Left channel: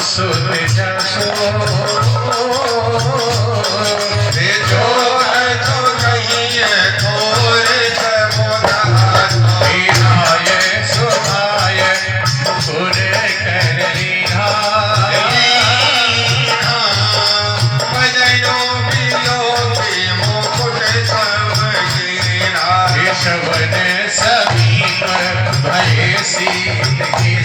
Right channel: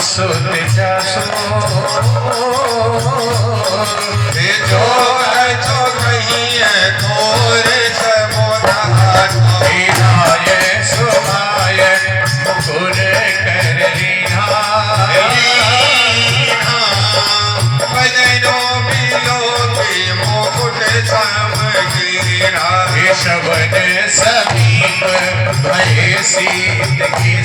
सुत जसो जो कहिए घोर विनाय सुभाय मुकुर कर लीना भजनो मिलो मुकुट शबद समीप भय सीत के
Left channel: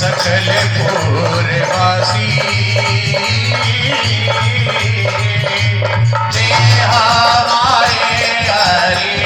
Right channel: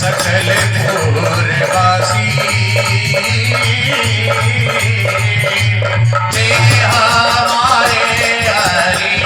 सकल पूर्वासी हमारे हरि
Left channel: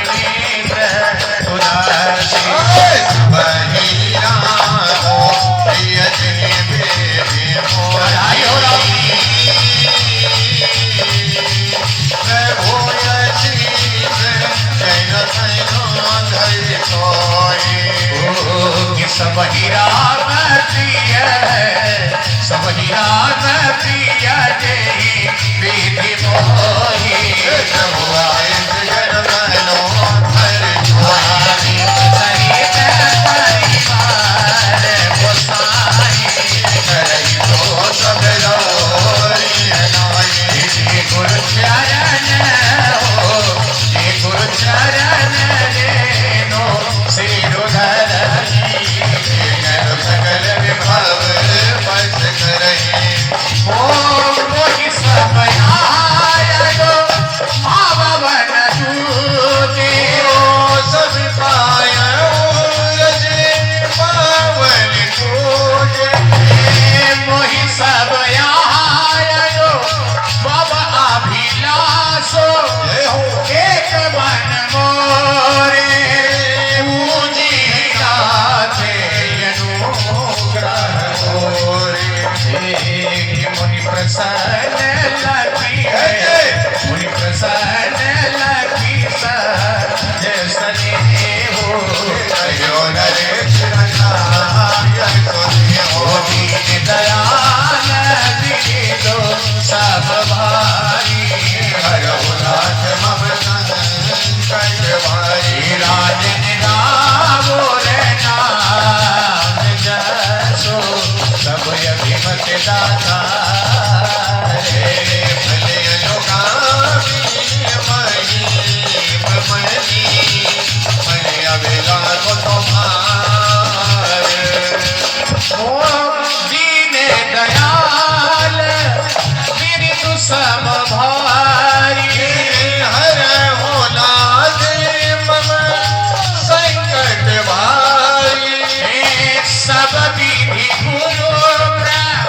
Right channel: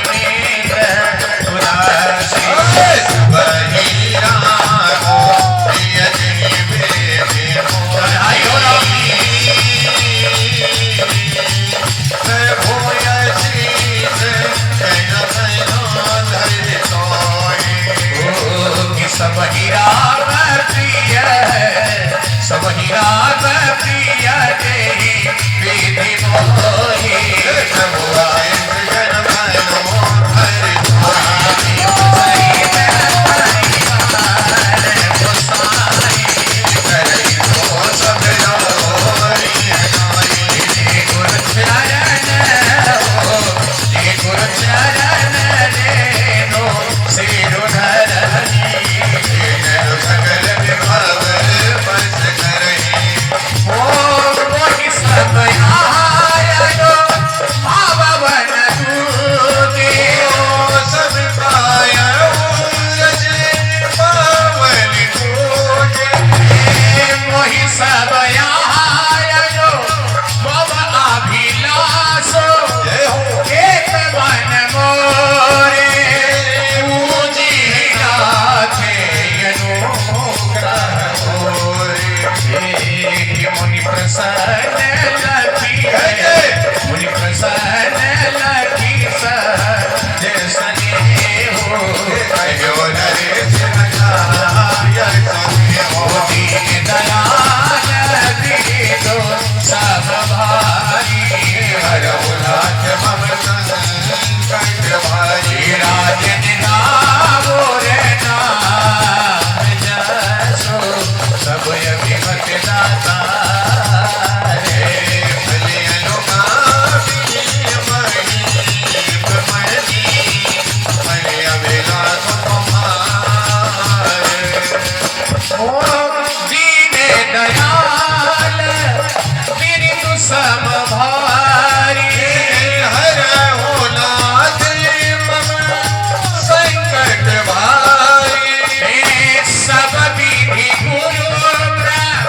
सब ही राम प्रिय है, सब ही राम प्रिय तेरी विधि मोही सब विधि गुरु ब्रह्म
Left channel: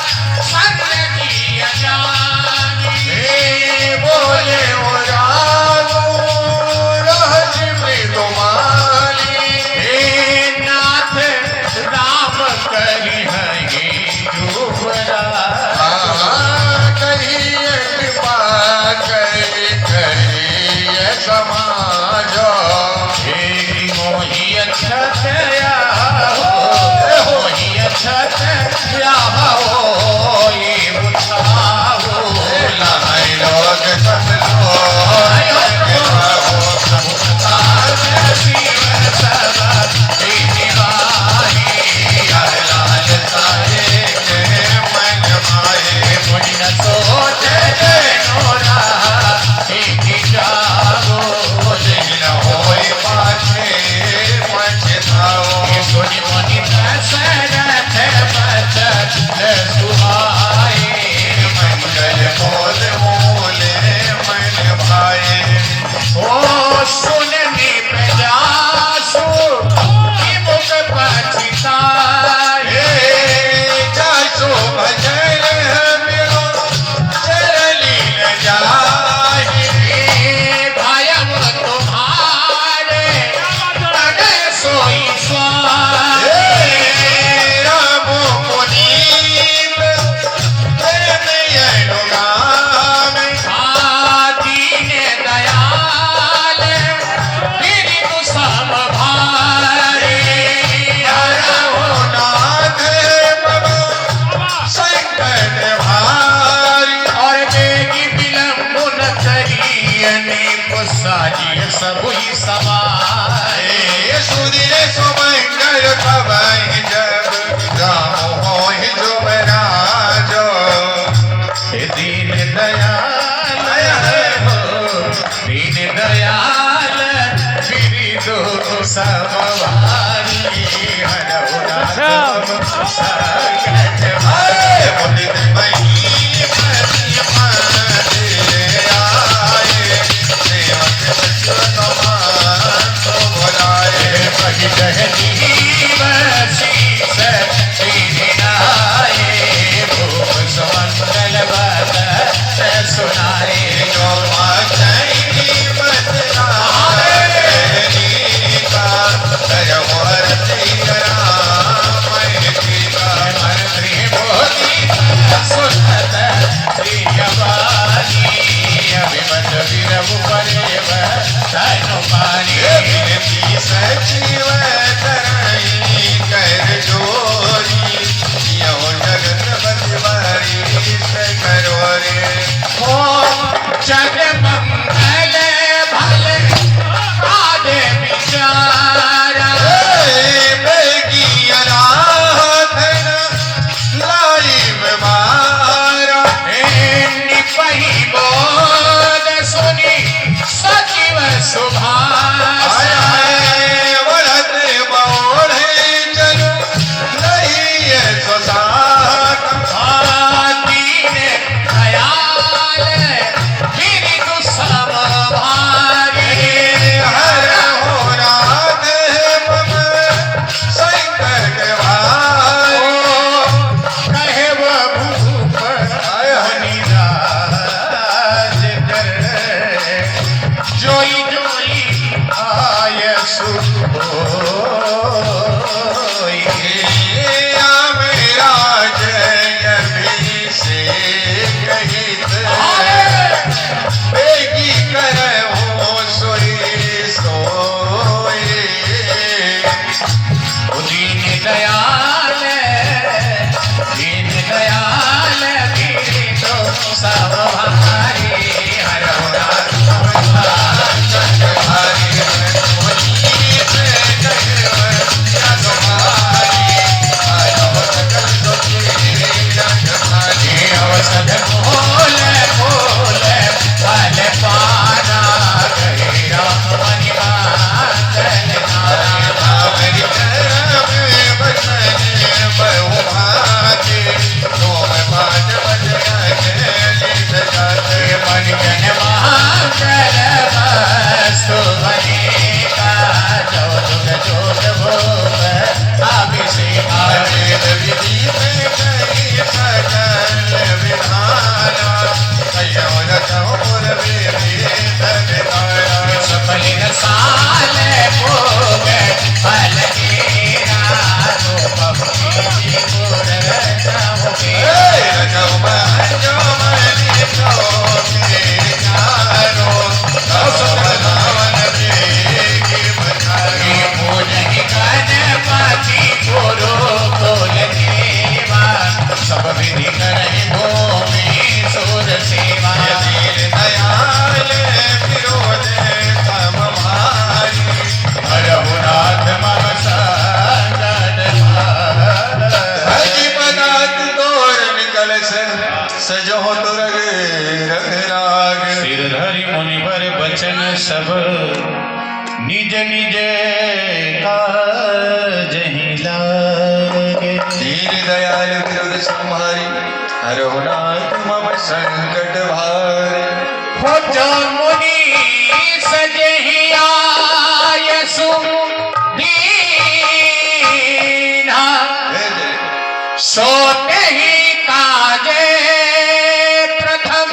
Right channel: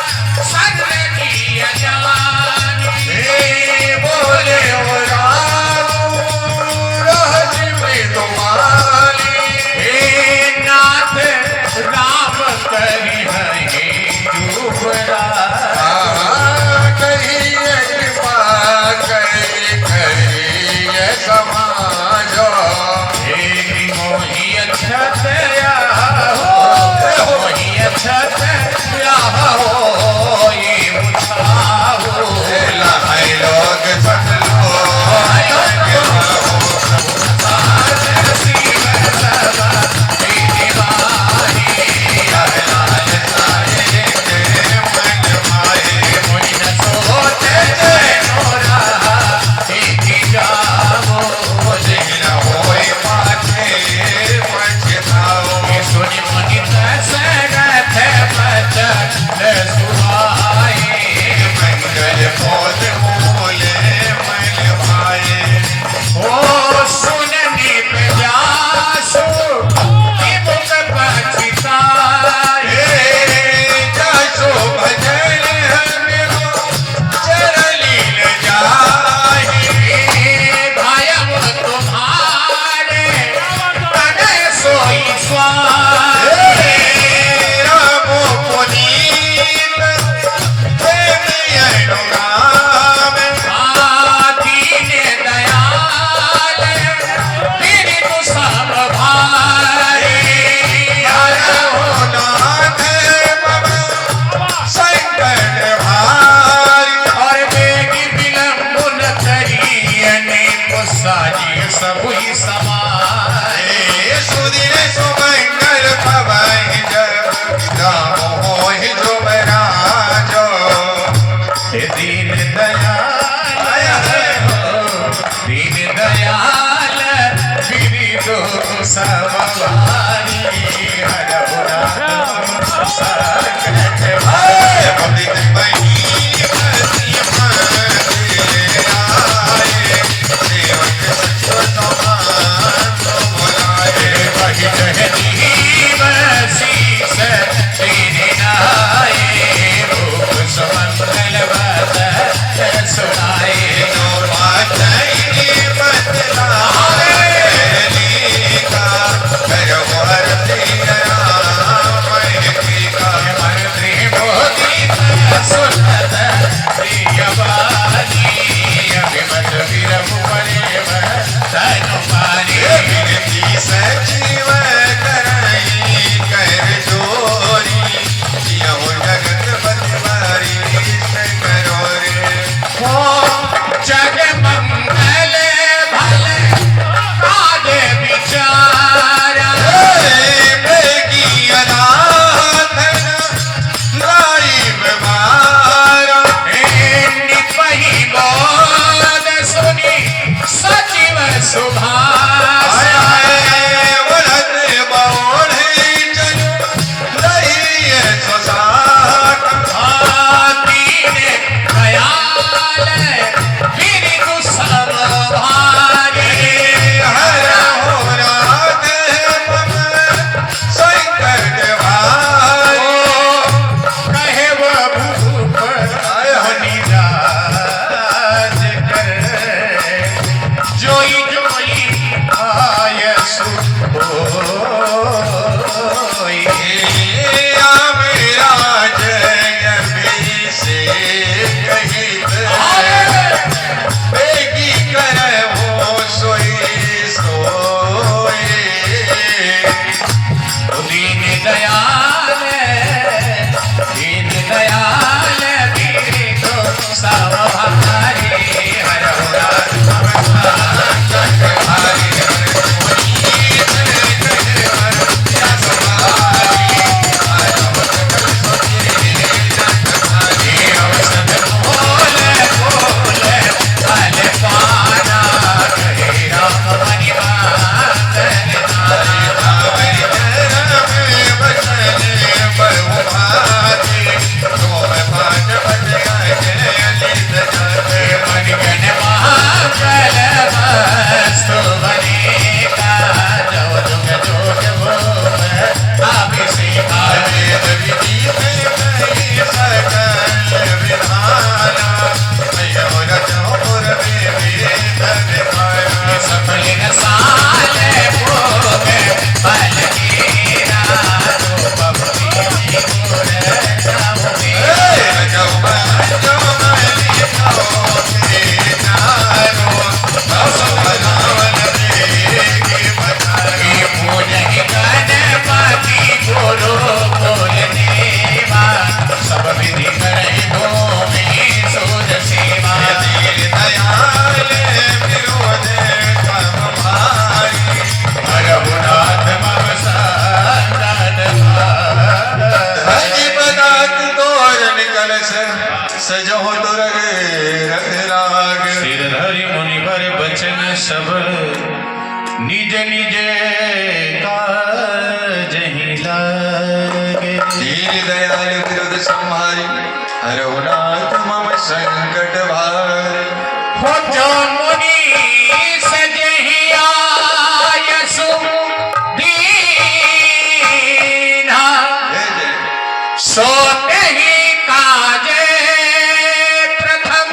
समवारी हरहु नाथ मम संकट हारे मुदित महीपति पद आए सेवक सचुर मान बुलाए वही कह जीव शीस तेरे नाये भूख समंगल बात सुनाए जो माचैली बतलाए लीका करवर तेरा मैत्री का मंत्री मोदी सुनत प्रिय बाली अभिमत विरमु परेव तनु पारी विनती सचिव कराई कर जोरी यहो जगत बतिवारी करो रे हो जग मंगल भल काज विचारा बेगी अनाथन लाइव मारा निपहि बोध सुनी सचिव सुभाष वरद बौढ़े जनु लइए सुसाक दीन दयाल बिरु सब भारी हर हो रात मम संकट भाई कहे वो भूप निराज कर जोई जोई आय सुई मेरा जय से कहित बेगी कर हो सोई सोए दीन दयाल गिरी तो सब भारी हरहु नाथ मम संकट हारी औषध बोल बोल फल पाना कहे राम मणि मांगल नारा मन जन मांगल वस्तु बने का जो जुग जोग भोग अभिषेका सफल साल भोग फल कीरा तो भक्ति गुर पूजन गणपति गुरु कुल देवा सब विधि करे भूमि सूर सेवा हरहु नाथ मम संकट सजो तो रगे रग राग सिर धरि मुनि वर बचन सब निज निज काजहि लागे दीन दयाल विरुद्ध संहारी हरहु नाथ मम संकट भारी हो जो मुनि सजहि आयसु दीना सो नहीं काजे प्रथम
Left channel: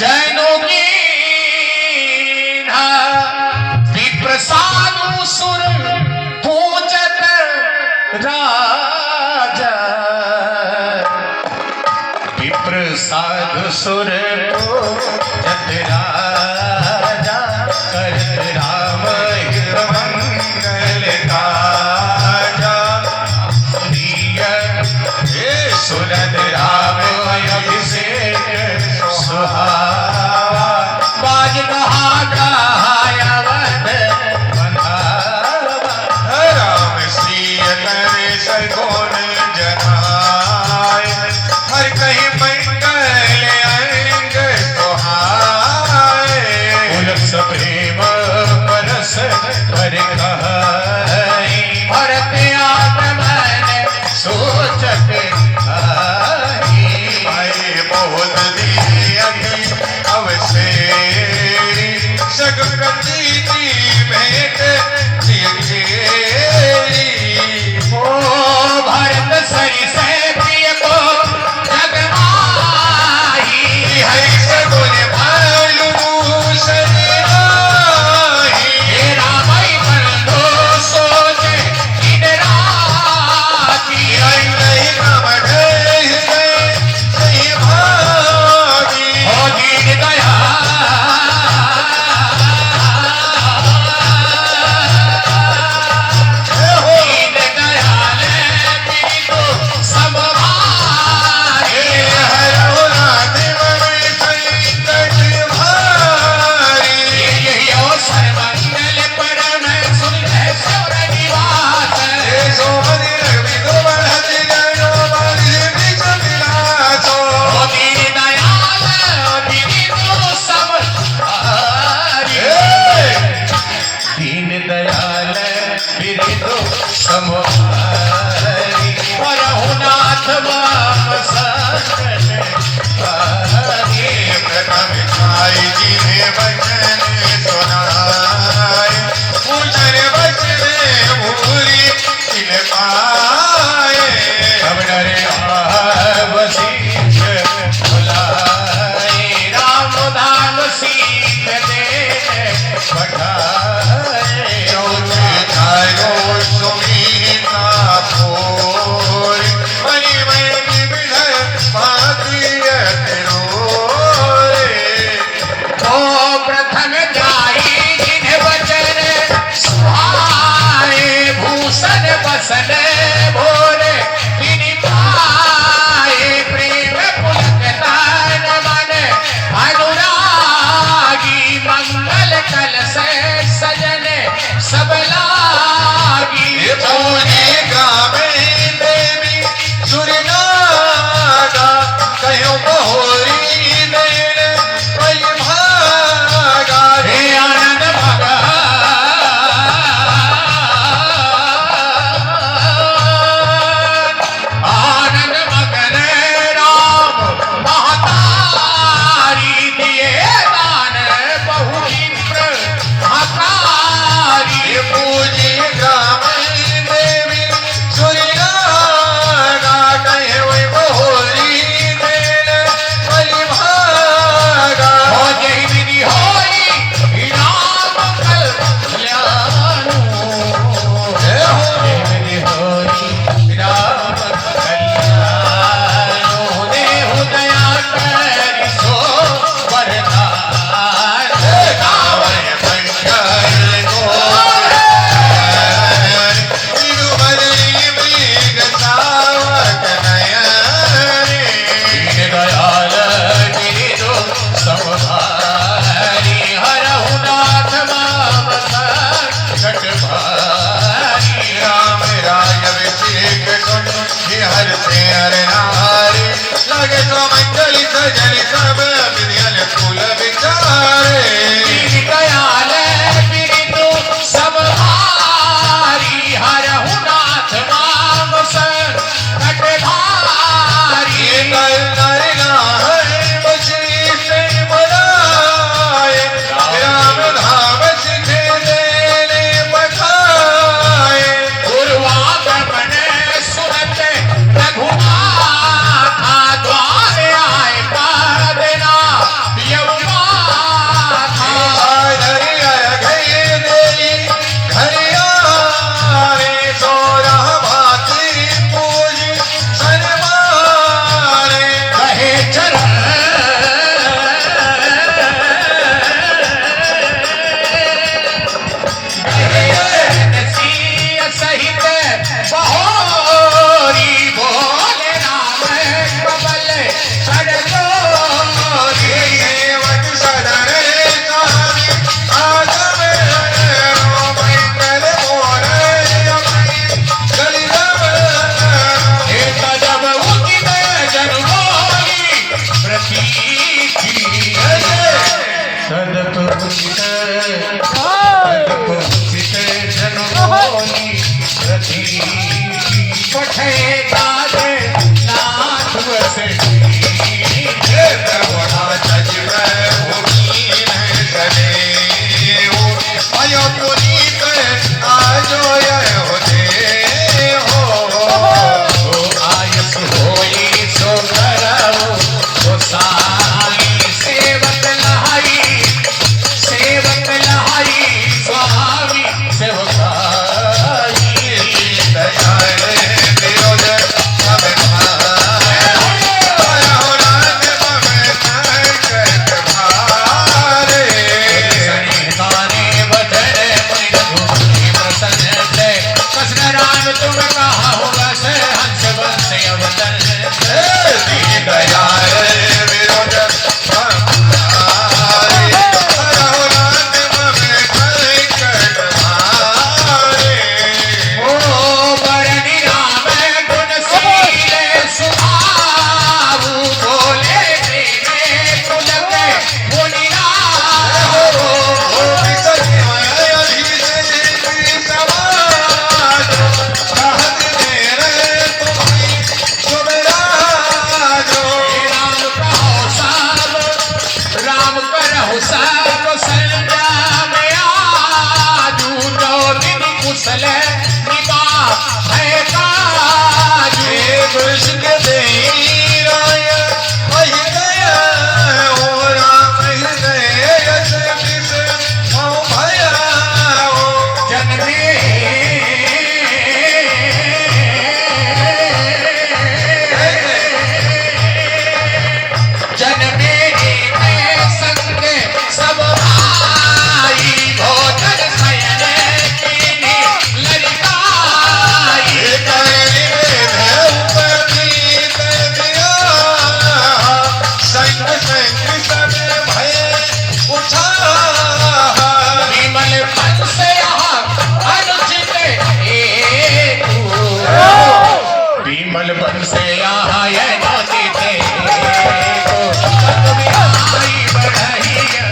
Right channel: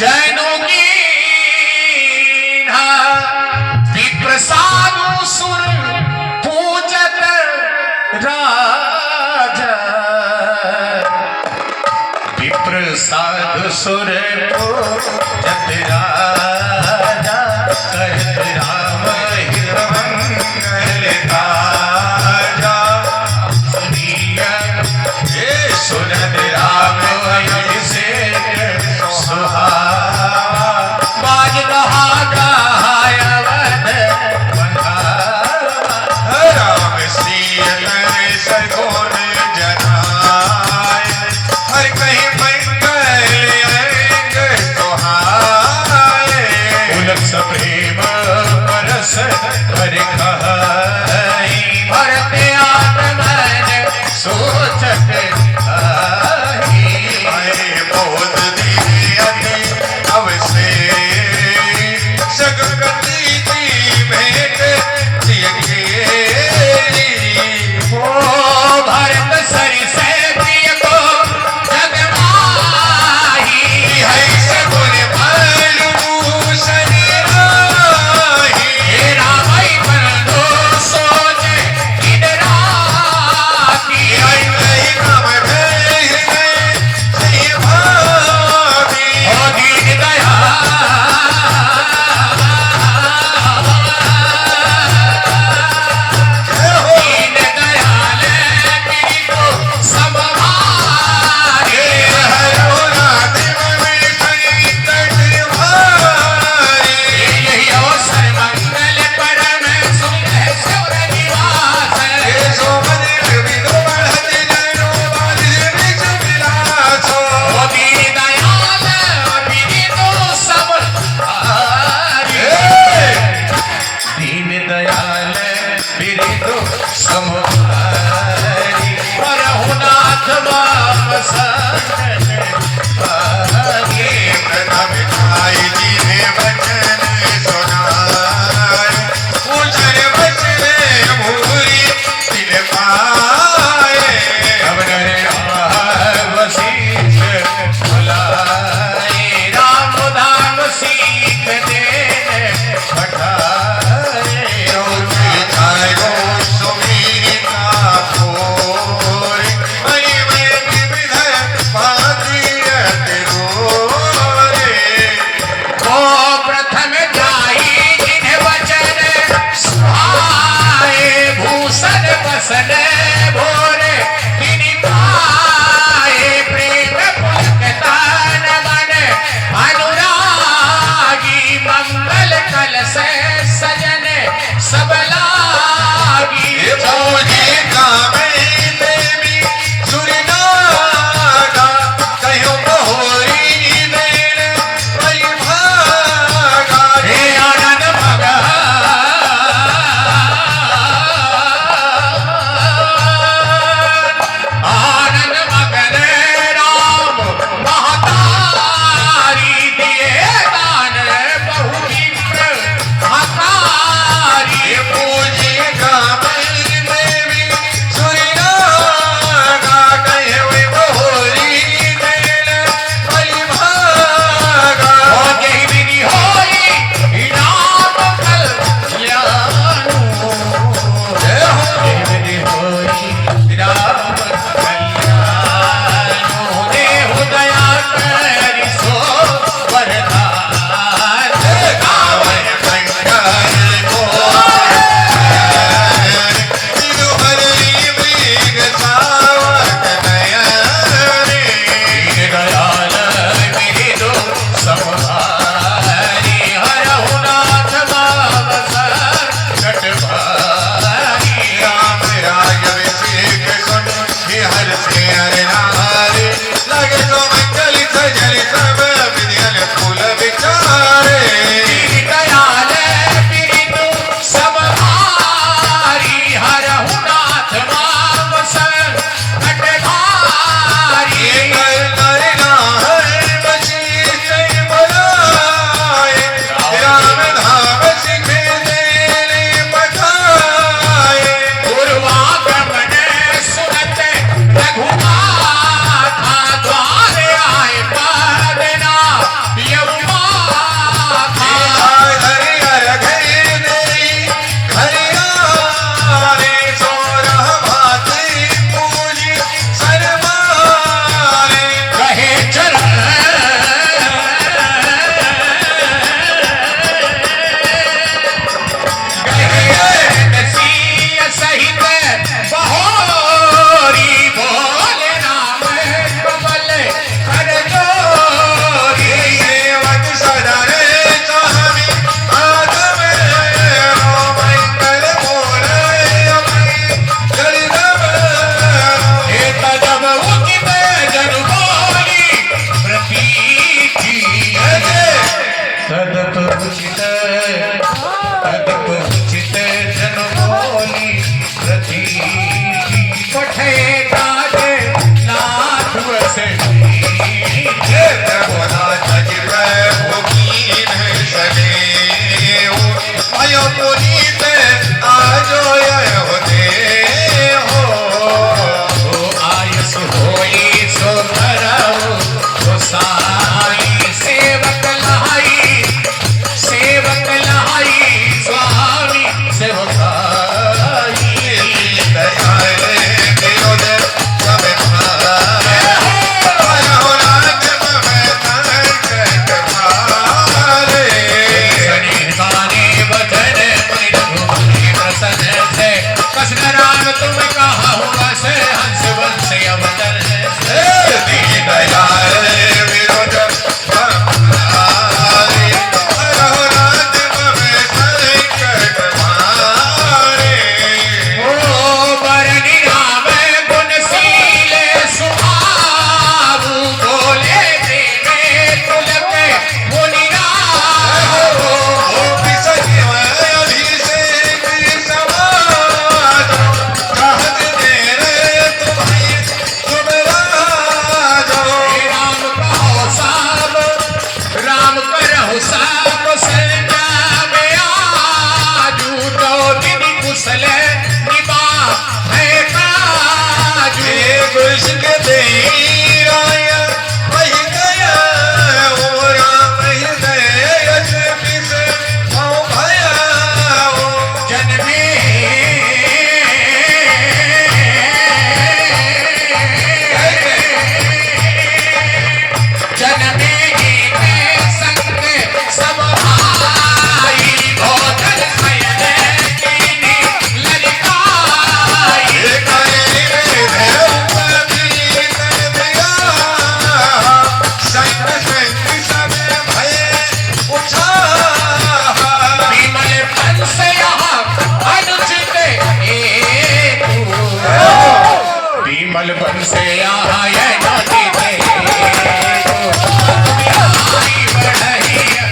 जैनो कीन्हा विप्रसादु सुर पूजत राजा विप्रसाद सुर पूजत राजा करत राम हित मंगल काजा सुनत राम अभिषेक सुहावा बाज कहा गायवत बंधावा राम सिय करे सगुन जनाय हर कहीं मंगल अंग तुहाय उलक्ष प्रेम परस रस भर खाई भरते आत्मन सोचत आई आए बोध दियति अवसेरी सगति की भेंट दिय घेरी ओ भरत सरि से प्रिय को जगमाही है सगुन बलु दूषण नाही हे रामई बंधो सोच दिन राती नहीं काम हृदय सही भावी ओ दीन दयाल दीन दयाल मेरी तो समभारे यही अवसर मंगल परम सुंदर सौर निवास ओ दीन दयाल मेरी तो समभारे दीन दयाल बिरदो समहारी रघुनाथ बाम संकट हारे। अब डरे वसीठ बुलाए राम धाम सीख दे पठाए ओ प्रथम जाई जिन्ह वचन सुहाए भूषण बसन भोरे तिनि पाए प्रेम पुलक तन मन अनुरागी मंगल कलश सजन सब लागी हे आनंद भगवान आनंद मगन राम महतारी दिए दान बहु विप्र महतारी हो जय विधि होई राम कल्याणो जय विधि होई राम कल्याणो देहु दया करि सो वरदान दीन दयाल बिरदो समहारी हरहु नाथ बाम संकट भारी हर से हर नारे लगे तो मंगल सजन सब विधियल फूल विचारे दीन दयाल बिरदु सब भारी हरहु नाथ बाम संकट भारी राम धाम सिखे देने पठाए पूर्वागमन सुनत रघुनाथा द्वार आए पादना यमुनाथा कहे चरण सिंह सहित बहोरी बोल राम कमल कर जोरी हे तजब उचित जन बोली प्रतीति तदप उचित तदप से अवतल दीन दयाल विरोध हमारे रघुनाथ में संकट हारे ओ बरनी राम गुणशील सुभाऊ बोले देवे तुलक मुनिराज राम करहु सब संजा में आजू जो दिन कुशल निभा है काजू जनमे जनमे एक संग सब भाई भोजन खयन कीनी ललकाई विमल पंथ यहाँ अनुचित हेतु विमल बन से यहाँ यह अनुचित हेतु पद बिहारी बढ़ई अभिषेक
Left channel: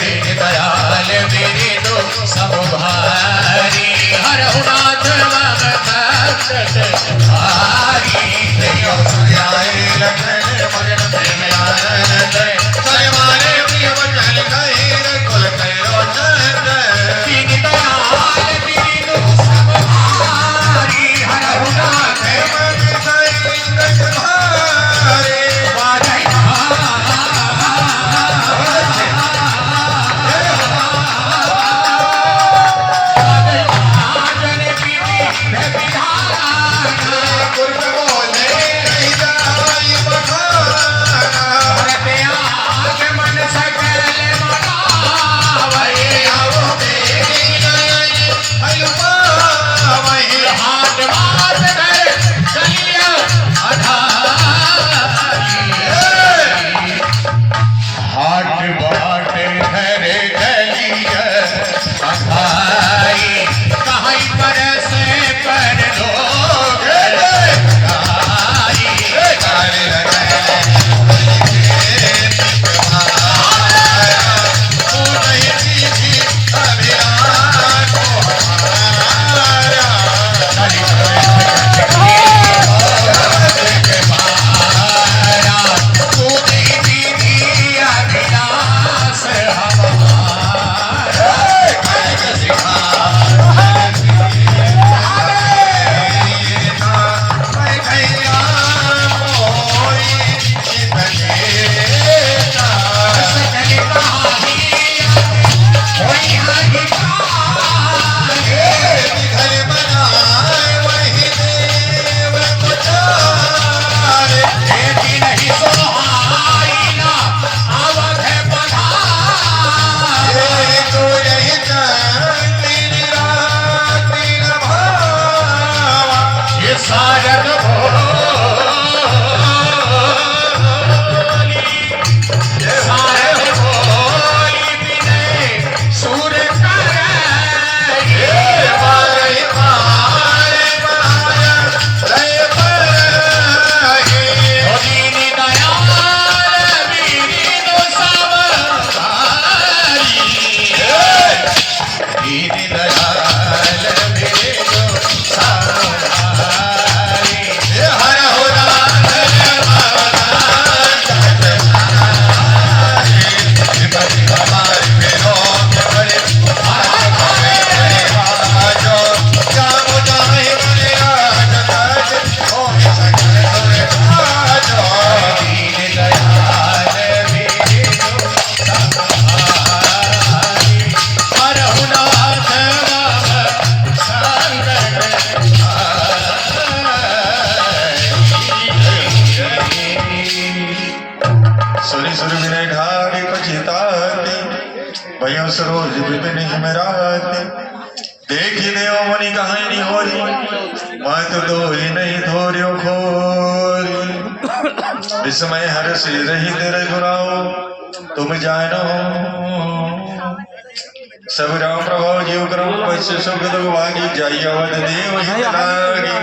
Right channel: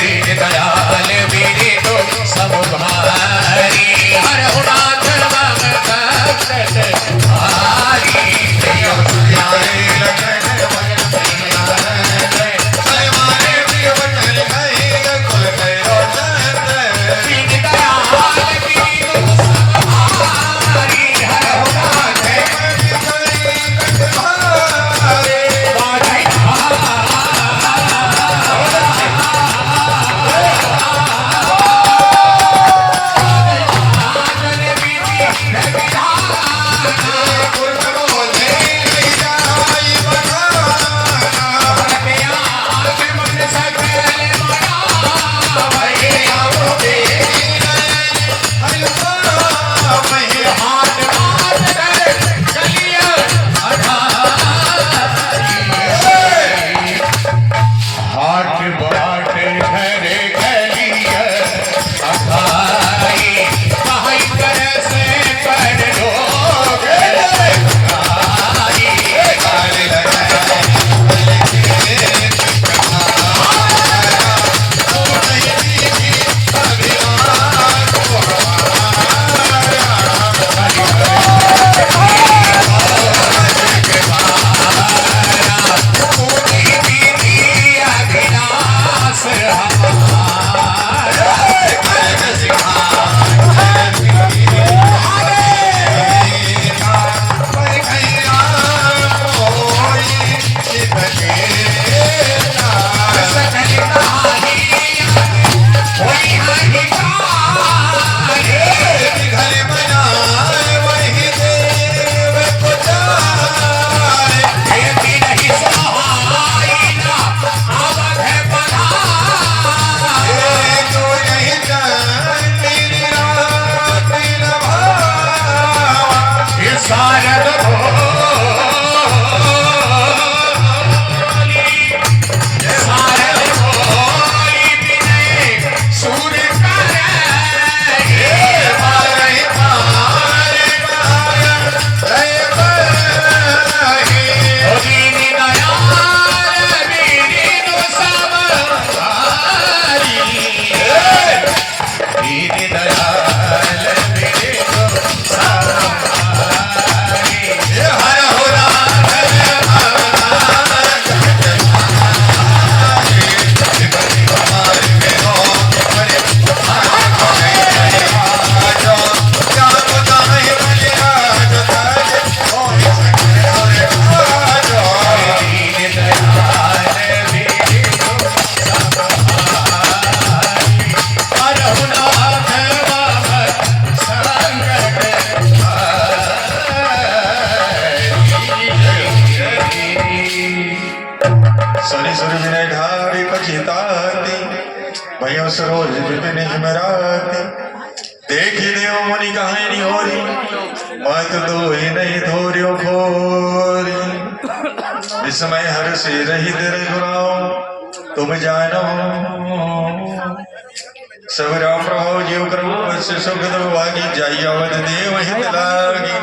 दीन दयाल मेरे तो सब भारी हरहुनाथ मम भक्त भारी दीन दयाल मेरे तो सब भारी हरहुनाथ वाजै जन बीती मन सकल मनावै हाथ माथ कर चलिया हाट बाट धरे गलिया अधाई कहीं बरस पर लोग अभिलाष सारद भोली सारद भोली बिने सूर दीन दयाल मेरे तो सब भारी दीन दयाल मेरे तो सब भारी हर हो दीन दयाल मेरे तो सब भारी हर हुनाथ मम संकट सॉरी विनय घाड़ी चिताति भयो सरोज विपिन हिमराति देखि देव मणि कहानी होरी मत दोहि नहीं थोरियो खोरी विस्मय हर्षि रहित रघुराव तुम जानो सब राम प्रभाव जीव क्रम पश्य सुख दुख भागी जाई अवध देव हित लागी